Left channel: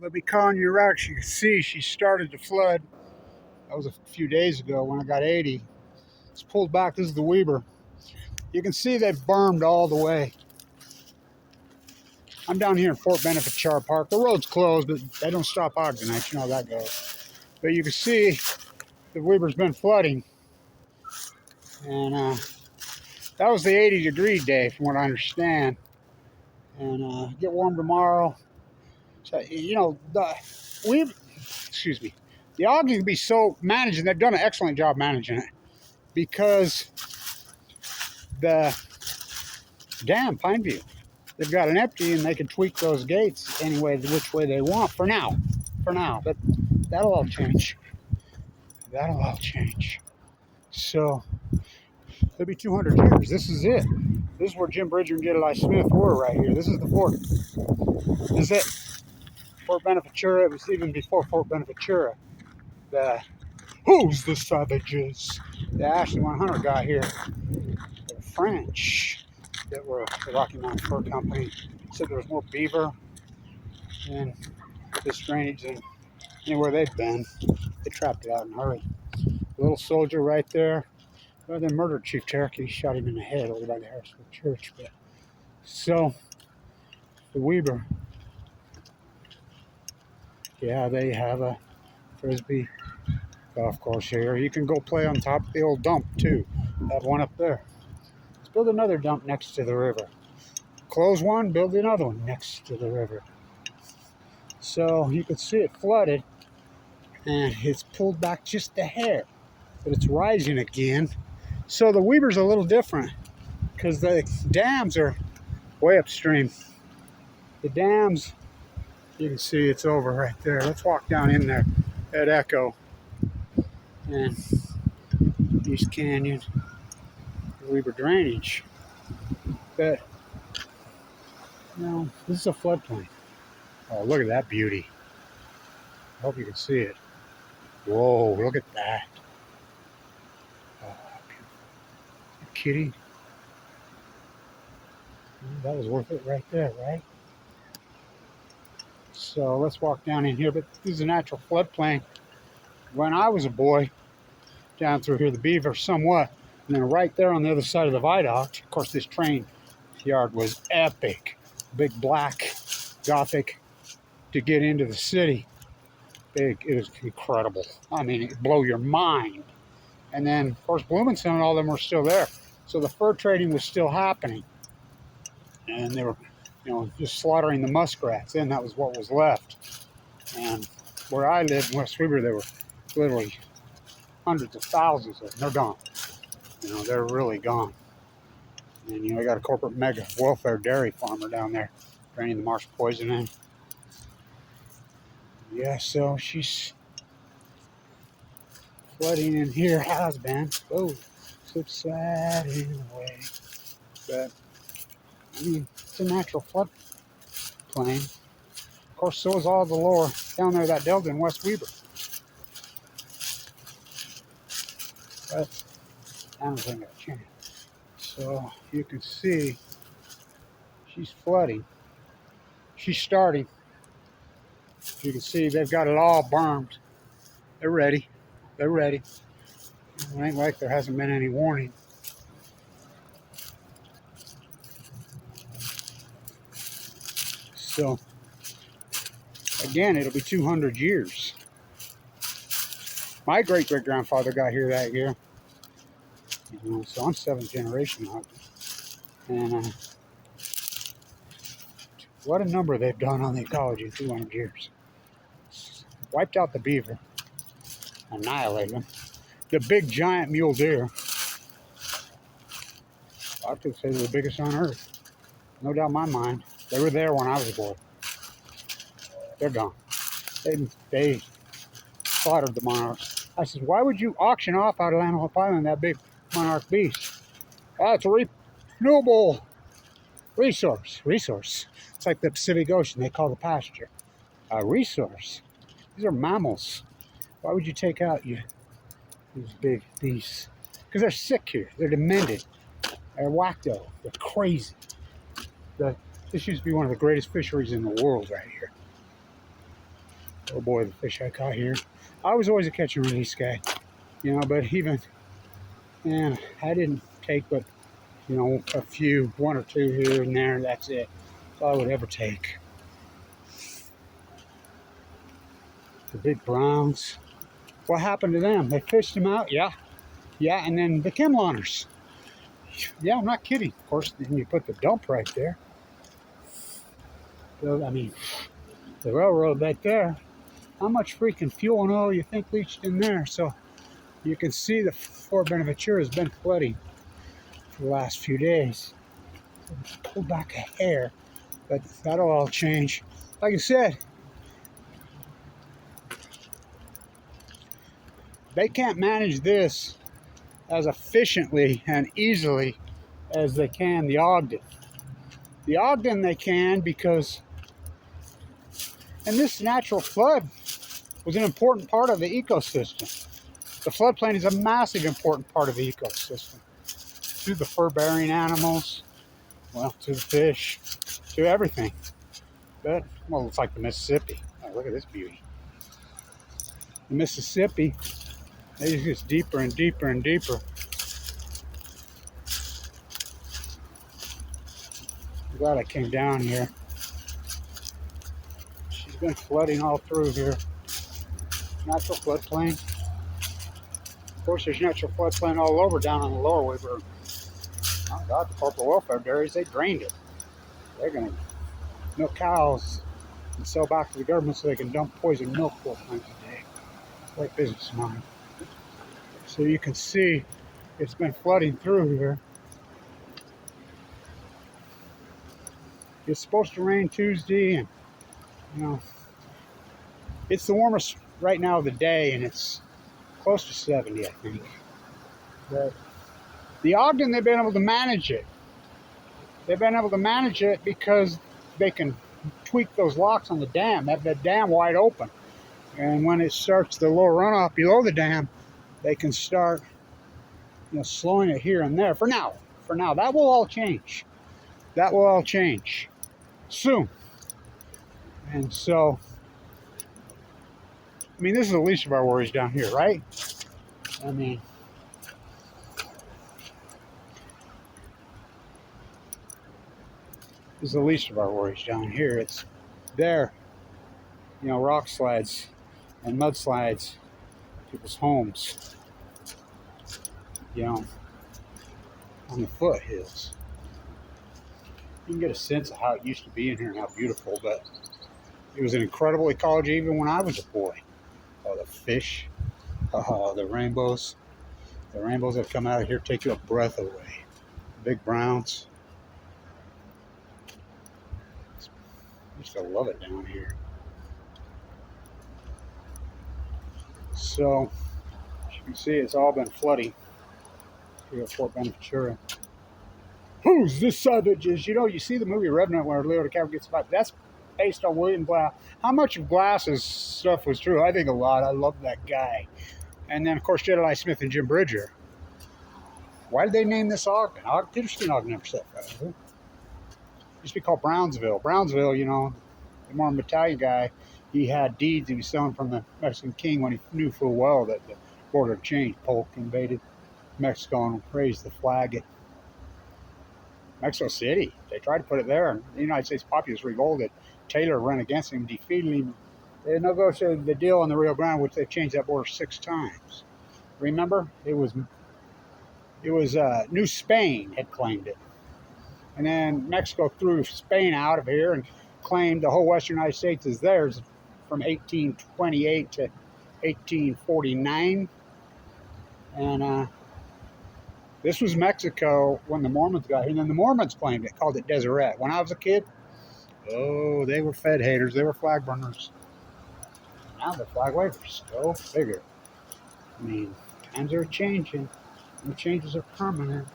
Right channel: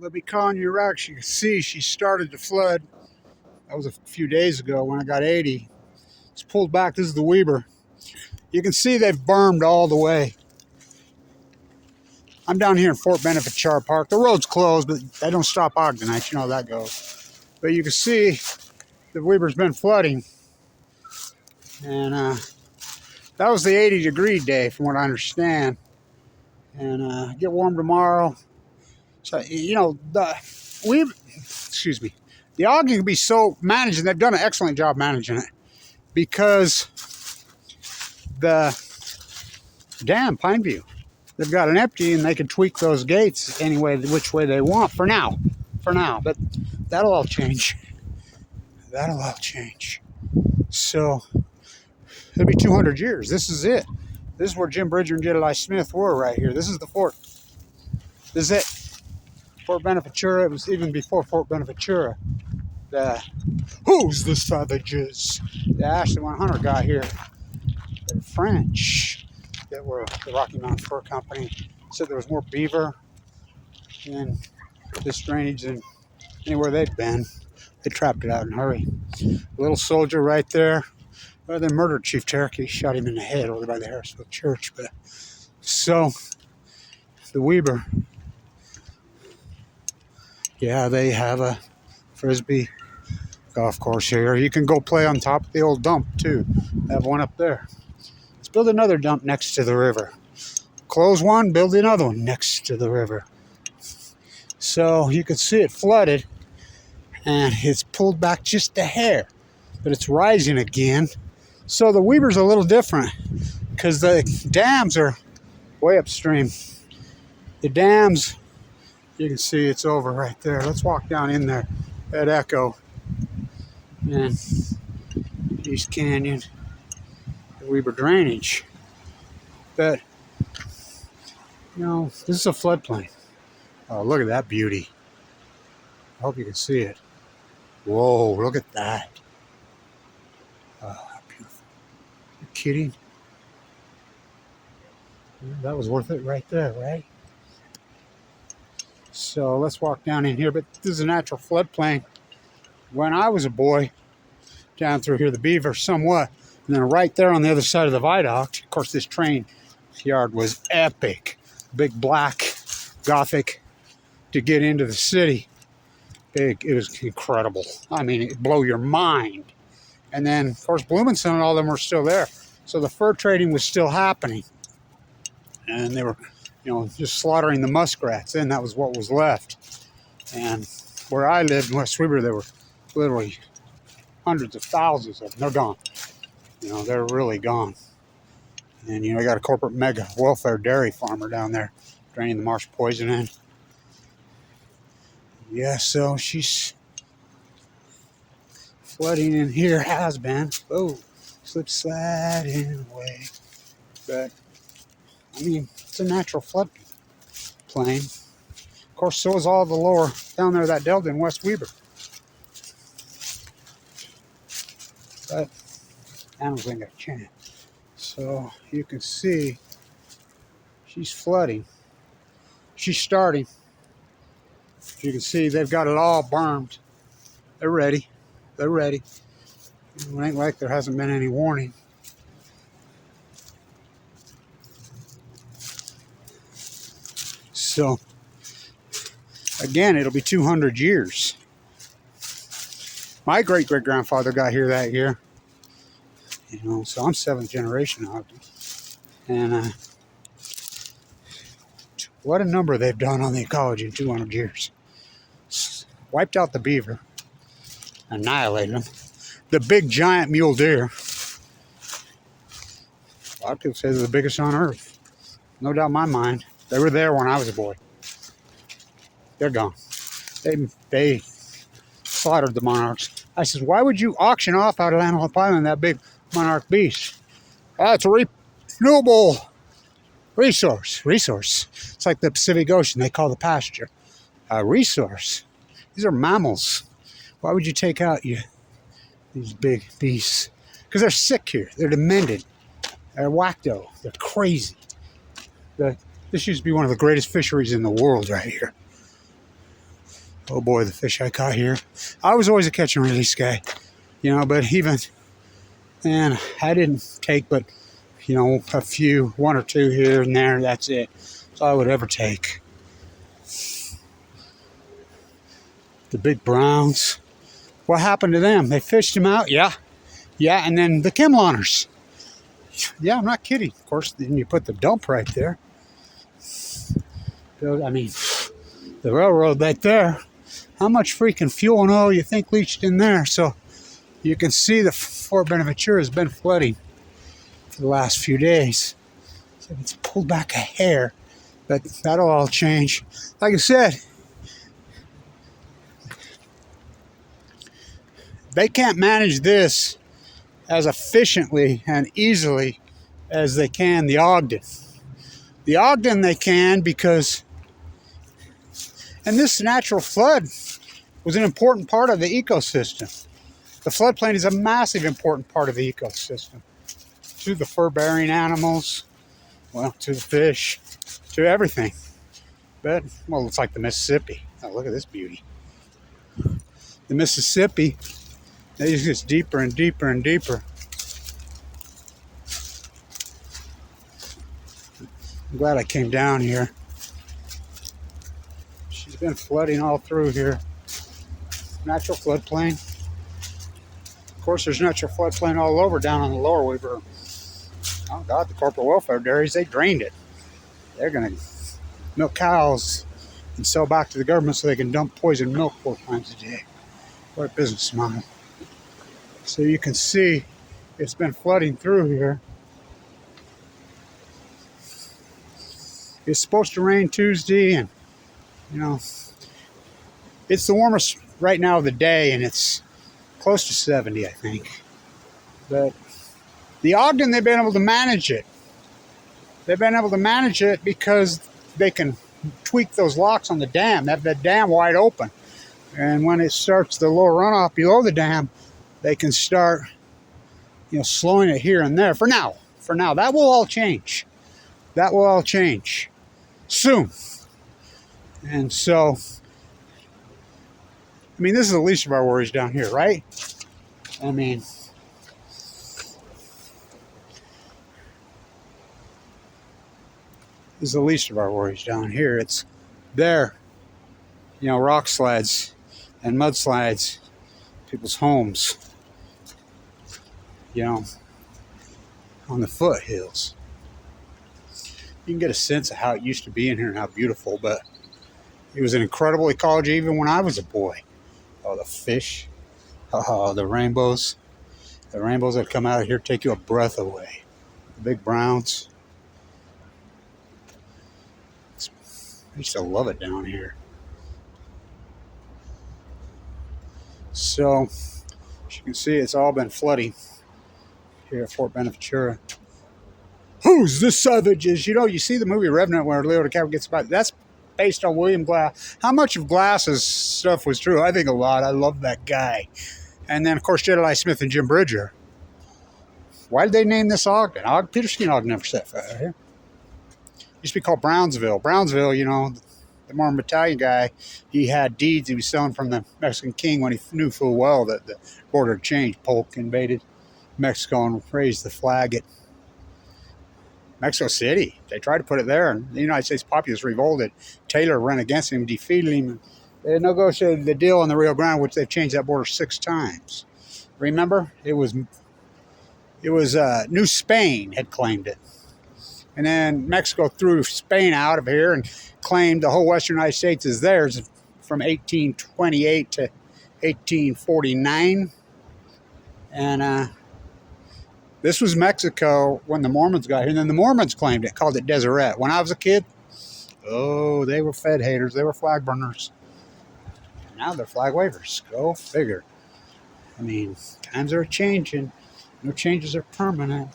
They'll be calling you rocks. You can see she started to flood. That was a few days ago when I got 80. It's pulled back. This is the WEBER. You can see they've bermed all the way. I'm down here in Fort Benefit Char Park. The road's closed, but they don't stop Ogdenites. You know how that goes. But you can see the WEBER's been flooding. And that was the 80-degree day, from what I understand. And get warm tomorrow. So, you know, the Ogden can be so managed, and they've done an excellent job managing it, because the dam, Pineview, they've got it empty, and they can tweak those gates any way, which way they want for now. But that'll all change. That'll all change. So it'll be 200 years. This is it. This is where Jim Bridger and Jedediah Smith were, right here. This is the fort. This is it. Fort Beneventura. It was even before Fort Beneventura. Who's the savages? The Ashley 100 got here. The French that were the Rocky Mountain Fur Company said there was more beaver in this drainage than anywhere they'd been. They trapped it out in a hurry. Little soldier right there. Well, they murdered Chief Cherokee, shot him in the head over by the Harrisville Church. But so the WEBER, yeah, they have a frisbee golf course here. You can go play on top of the old dump too. They have one up there. Let's build another dump next to the river. Close one, build another one next to the river. So you can see it flooded, and it's pulled back just a hair, but it's rising again. So the WEBER's a little different because the dams are way upstream. The dams, you can see it's over right there. Let's walk down in there at Echo and East Canyon, the WEBER drainage. But, you know, this is a floodplain. Oh, look at that beauty. I hope you can see it. Whoa, look at that. Oh, beautiful. Are you kidding? That was worth it right there, right? So let's walk down in here. But this is a natural floodplain. When I was a boy, down through here, the beaver somewhat. And then right there on the other side of the viaduct, of course, this train yard was epic. Big black Gothic to get into the city. Big, it was incredible. I mean, it blow your mind. And then, of course, Bloomington and all of them were still there. So the fur trading was still happening. And they were, you know, just slaughtering the muskrats. And that was what was left. And where I lived in West WEBER, there were literally hundreds of thousands of them. They're gone. You know, they're really gone. And, you know, I got a corporate mega welfare dairy farmer down there draining the marsh poison in. Yeah, so she's flooding in here, has been. Oh, slip sliding away. But, I mean, it's a natural flood plain. Of course, so is all the lower down there, that delta in West WEBER. But animals ain't got a chance. So you can see she's flooding. She's starting. You can see they've got it all bermed. They're ready. They're ready. It ain't like there hasn't been any warning. So, again, it'll be 200 years. My great-great-grandfather got here that year. You know, so I'm 7th generation now. And what a number they've done on the ecology in 200 years. Wiped out the beaver, annihilated them. The big giant mule deer. A lot of people say they're the biggest on earth. No doubt in my mind. They were there when I was a boy. They're gone. They slaughtered the monarchs. I says, why would you auction off out of Antelope Island that big monarch beast? It's a renewable resource. It's like the Pacific Ocean. They call the pasture a resource. These are mammals. Why would you take out these big beasts? Because they're sick here. They're demented. They're wacko. They're crazy. This used to be one of the greatest fisheries in the world right here. Oh boy, the fish I caught here. I was always a catch and release guy, you know, but even, and I didn't take but, you know, a few, one or two here and there, that's it. That's all I would ever take. The big browns. What happened to them? They fished them out? Yeah. Yeah, and then the Kimlauners. Yeah, I'm not kidding. Of course, then you put the dump right there. I mean, the railroad right there. How much freaking fuel and oil you think leached in there? So you can see the Fort Benaventura has been flooding for the last few days. So it's pulled back a hair, but that'll all change. Like I said, they can't manage this as efficiently and easily as they can the Ogden. The Ogden they can because, and this natural flood was an important part of the ecosystem. The floodplain is a massive important part of the ecosystem. To the fur-bearing animals, well, to the fish, to everything. But, well, it's like the Mississippi. Oh, look at this beauty. The Mississippi, it just gets deeper and deeper and deeper. I'm glad I came down here. She's been flooding all through here. Natural floodplain. Of course, there's natural floodplain all over down on the lower WEBER. Oh God, the corporate welfare dairies, they drained it. They're gonna milk cows and sell back to the government so they can dump poison milk 4 times a day. What a business model. So you can see it's been flooding through here. It's supposed to rain Tuesday, and you know, it's the warmest right now of the day, and it's close to 70, I think. But the Ogden, they've been able to manage it. They've been able to manage it because they can tweak those locks on the dam. They have the dam wide open. And when it starts the lower runoff below the dam, they can start, you know, slowing it here and there. For now. That will all change. That will all change soon. And so, I mean, this is the least of our worries down here, right? I mean, this is the least of our worries down here. It's there, you know, rock slides and mudslides, people's homes, you know, on the foothills. You can get a sense of how it used to be in here and how beautiful, but it was an incredible ecology even when I was a boy. Oh, the fish. Oh, the rainbows. The rainbows that come out of here take your breath away. The big browns. I used to love it down here. So, as you can see, it's all been flooding here at Fort Benaventura. Who's the savages? You know, you see the movie Revenant where Leo DiCaprio gets by. That's based on William Glass. How much of Glass's stuff was true? I think a lot. I love that guy. And then, of course, Jedediah Smith and Jim Bridger. Why did they name this Ogden? Peter Skin Ogden never set fire here. It used to be called Brownsville. Brownsville, you know, the Mormon battalion guy, he had deeds he was selling from the Mexican king when he knew full well that the border had changed. Polk invaded Mexico and raised the flag at Mexico City. They tried to put it there, and the United States populace revolted. Taylor ran against him, defeated him. They negotiated the deal on the Rio Grande, which they've changed that border 6 times. Remember? It was New Spain had claimed it. And then Mexico threw Spain out of here and claimed the whole western United States as theirs from 1828 to 1849. And this was Mexico when the Mormons got here. And then the Mormons claimed it, called it Deseret. When I was a kid, oh, they were Fed haters. They were flag burners. Now they're flag wavers. Go figure. I mean, times are changing. No changes are permanent.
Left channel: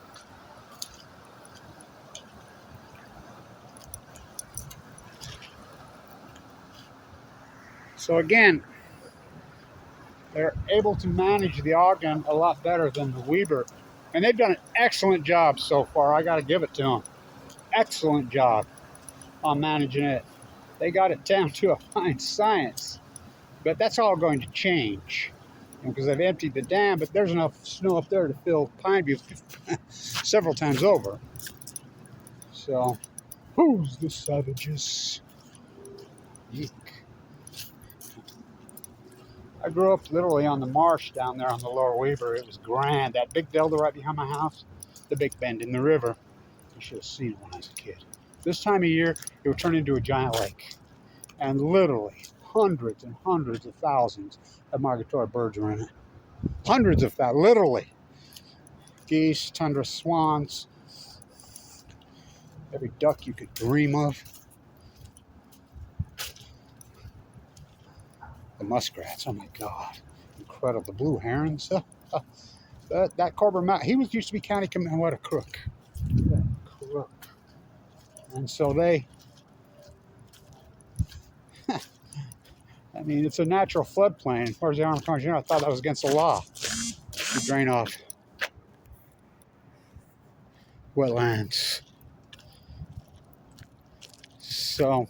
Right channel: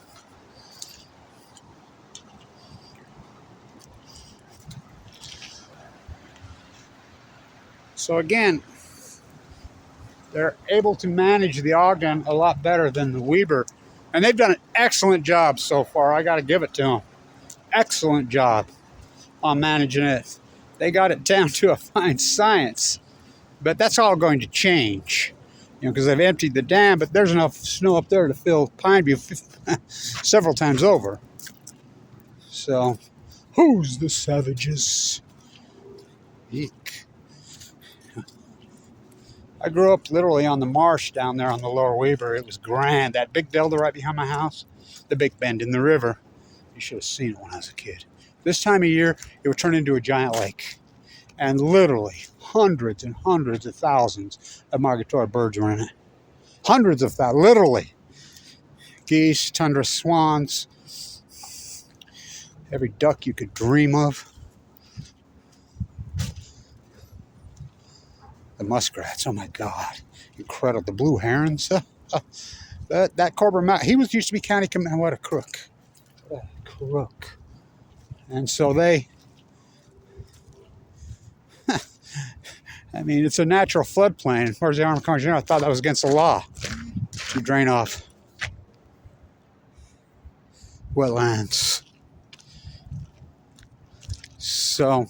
So again, they're able to manage the Ogden a lot better than the WEBER. And they've done an excellent job so far. I got to give it to them. Excellent job on managing it. They got it down to a fine science. But that's all going to change, you know, because they've emptied the dam, but there's enough snow up there to fill Pineview several times over. So, who's the savages? Eek. I grew up literally on the marsh down there on the lower WEBER. It was grand. That big delta right behind my house, the big bend in the river. You should have seen it when I was a kid. This time of year, it would turn into a giant lake. And literally hundreds and hundreds of thousands of migratory birds were in it. Hundreds of thousands, literally. Geese, tundra swans, every duck you could dream of. The muskrats, oh my God, incredible. The blue herons, that Corbin Mountain, he used to be county commander. What a crook. What a crook. And so they, I mean, it's a natural floodplain. Where's the Army Corps? I thought that was against the law. You drain off wetlands. So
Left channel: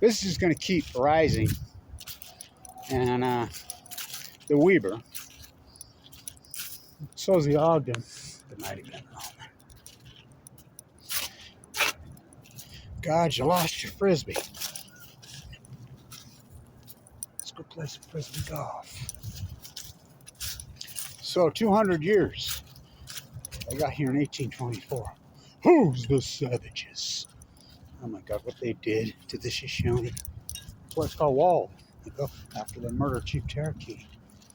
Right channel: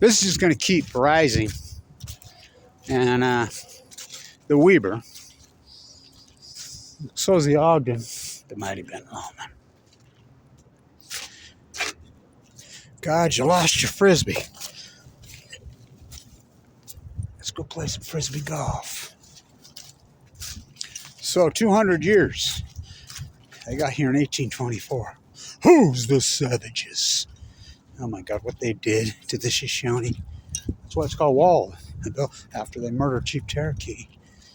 this is just going to keep rising. And the WEBER, so is the Ogden. It might have been. Oh, man. God, you lost your Frisbee. Let's go play some Frisbee golf. So 200 years. They got here in 1824. Who's the savages? Oh my God, what they did to the Shoshone. That's why it's called Wall. After they murdered Chief Cherokee,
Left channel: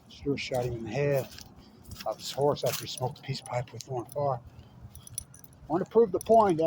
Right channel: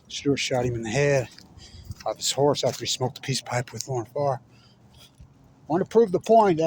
Stewart shot him in the head off his horse after he smoked a peace pipe with Lauren Farr. I want to prove the point.